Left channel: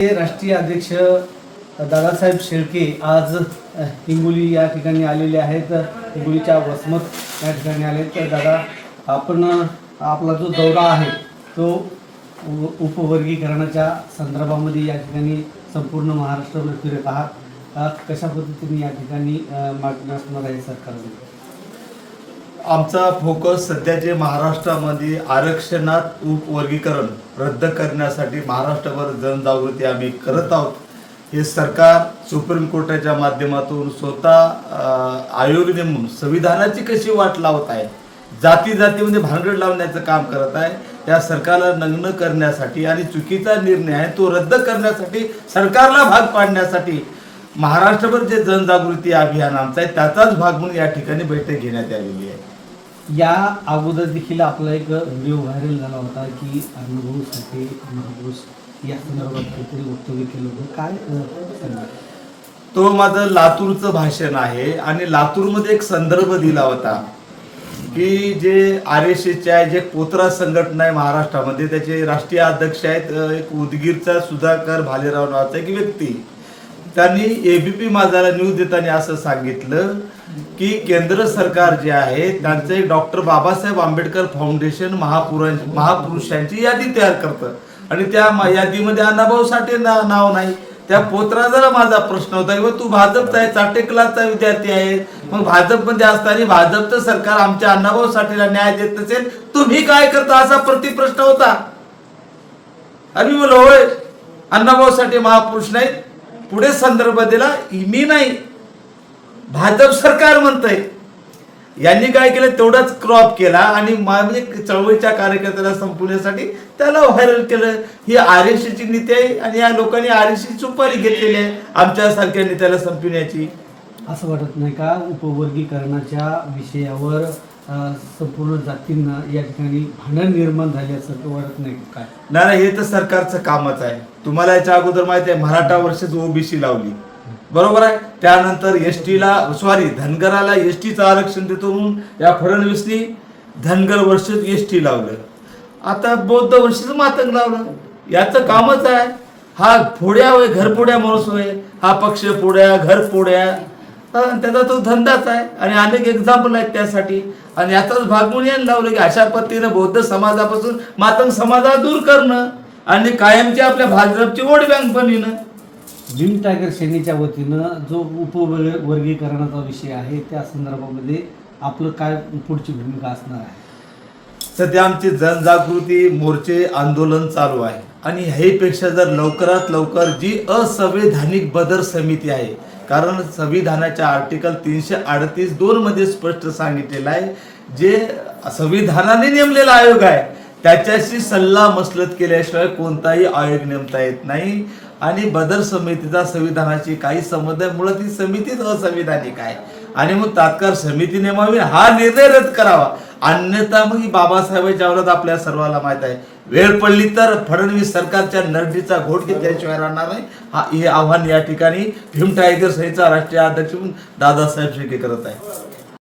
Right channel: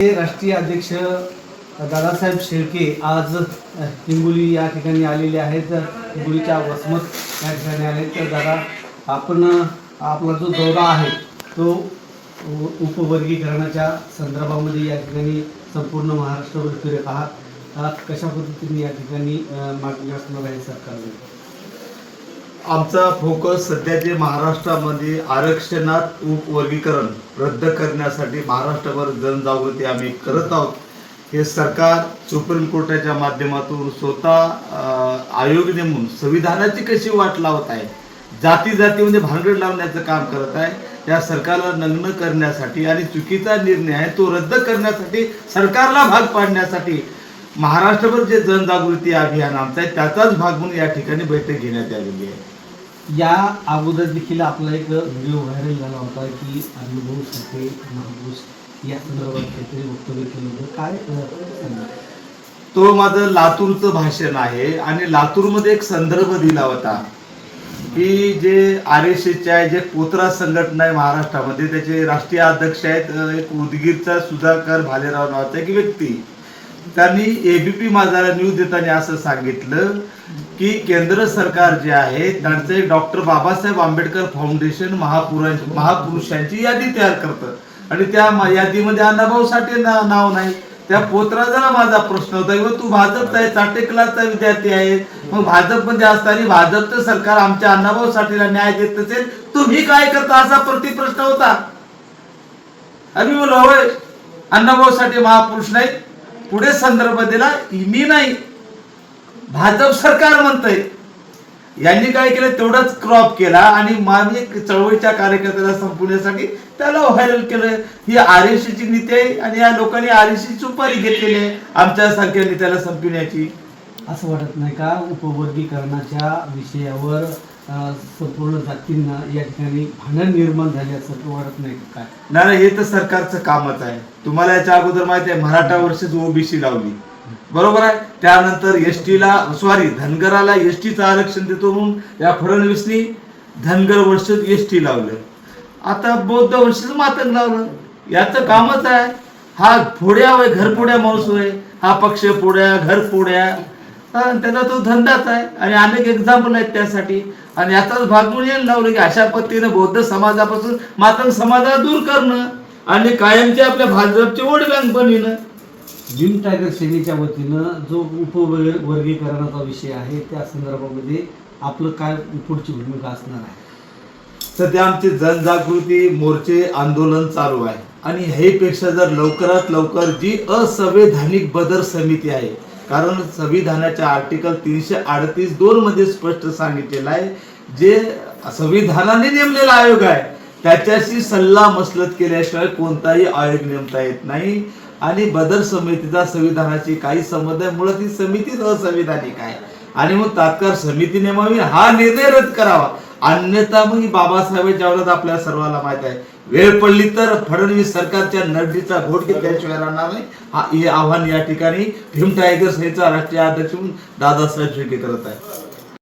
राष्ट्रीय अध्यक्ष दादासाहेब शेळके आज हिंगोली या ठिकाणी आलेले आहेत। हिंगोलीच्या वसमत या ठिकाणी आले। तर दादा, आपण आपला जो दौरा आहे तो उपवर्गीकरणाच्या संदर्भामध्ये या ठिकाणी संपूर्ण महाराष्ट्रावर फिरत आहात। कशा पद्धतीने या ठिकाणी मार्गदर्शन आहे सरकारने? आमचा फोकस सध्या जे महाराष्ट्रामध्ये आरक्षणात उपवर्गीकरण रद्द करण्यासाठी महाराष्ट्रभर जनजागृती आम्ही करत आहोत। हे सरकार सुप्रीम कोर्टाच्या माध्यमातून स्वतः आयोग नेमून संविधानाची कशी वाट लावत आहे, जाती जातीमध्ये भांगड लावण्याचं काम करत आहे। या सरकारला नग्न करण्यासाठी आणि चुकीचा निर्णय आहे तो रद्द करण्यासाठी, सरकारला भाग पाडण्यासाठी महाराष्ट्रभर जे जनजागृती अभियान आमचं आहे त्याचाच भाग म्हणून या ठिकाणी बैठक घेण्यात आलेली आहे। या अगोदर देखील आपला एक व्हिडिओ व्हायरल झाला होता की अनुभव साठे महापुरुष या संदर्भात काहीतरी वक्तव्य केलं होतं, काय सांगा? तो माझं लातूरचं भाषण आहे आणि लातूरमध्ये एक संदर्भ दिला होता की जे RSSच्या जे पोत्रा संघटना आहे महाराष्ट्रामध्ये, त्याचे राष्ट्रीय अध्यक्ष आहेत एक उदगीरचा सुधाकर भालेराव नावाचा एक व्यक्ती। त्यांनी ABP माझाला न्यूज देताना असं सांगितलं की केंद्र सरकार जे आहे त्यांचे डॉक्टर बाबासाहेब आंबेडकर फाउंडेशन महापुरुषांची यादी तयार करतं आणि त्या यादीमध्ये अण्णाभाऊ साठे नाव नाही। त्या पोत्राला माझा प्रश्न होता की तू भाजपचा आहे, साठे क्लासचा विद्यार्थी आहे, मग भाजपमध्ये असताना भाजपचं सरकार आमच्या अण्णाभाऊ साठेला न्याय देत असेल, तुम्ही काय करता, असा प्रतिप्रश्न होता। आणि बोल होय, अण्णाभाऊ साठे महापुरुष नाही। पुढे संदर्भ दिला, मी नाही, भाजप सरकार म्हणतंय। यांनी काय केलं, तेवढाच क्रॉप केला आणि माझे चळवळीच्या कार्यकर्त्याला संपवण्यासाठी त्याला व्हायरल केलं। ही RSSची नीती आहे आणि या लोकांनी RSSची सुपारी घेतलेली आहे आमच्यासारख्या नेत्याला संपवण्याची। असं वाटत नाही का उपवर्गीकरणाच्या विषयावर संपूर्ण जातींना या ठिकाणी भांडण निर्माण झाल्यासारखं वाटत नाही काय? नाही, हे तर सरकारचं कामच आहे। तुम्हाला याच्या अगोदर माहिती आहे महाराष्ट्र वर्सेस OBC लावली, बरोबर आहे। त्यानंतर धनगराला STचं आरक्षण देतो म्हणून या फडणवीसनी धनगर वर्सेस ST लावलं। आता बौद्ध वर्सेस मातंग लावलं, याचं कामच आहे। हा फोड्या होय, घरफोड्या माणूस होय, हा पक्ष फोड्या घर फोड्या, त्याचा तो धंदाच आहे आणि अनेक एक्झाम्पल आहेत त्यासाठी। आणि याचाच भाग म्हणून यायला लावलं की अशा पद्धतीनं बौद्ध समाजापासून मातंग समाजाला दूर करणं आणि कायमची आपल्या भाजपची वोट बँक बनविणं। भीम टायगर सेनेच्या वतीनं जो उपवर्गीकरणाचा विषय आहे त्या संदर्भामध्ये आपलं काय पुढची भूमिका असणार आहे? सध्या आमची जनजागृती मोर्चे आंदोलन चालू आहे आणि हे पेक्षा जर लवकरात लवकर जी असंवैधानिक बदर समिती आहे, कारण संविधानाच्या आर्टिकल 338(2) मध्ये स्पष्ट सांगितलेलं आहे जे संविधानाने नेमलेला आयोग आहे त्याच्याशी सल्ला मसलत केल्याशिवाय कोणताही आयोग नेमता येत नाही। आणि बदर समितीचा संविधानाची काही संबंध आहे, मुळात ही समितीच असंविधानिक आहे आणि मग तात्काळ समिती नेमावी, हा निर्णय रद्द करावा। अन्यथा मग बाबासाहेबांच्या विरोधात आपल्या सर्वांना माहित आहे, वेळ पडली तर फडणवीस सरकारच्या नरडीचा घोट घेतल्याशिवाय राहणार नाही। हे आव्हान या ठिकाणी भीम टायगर सेनेचा राष्ट्रीय अध्यक्ष दादासाहेब शेळके करत आहे।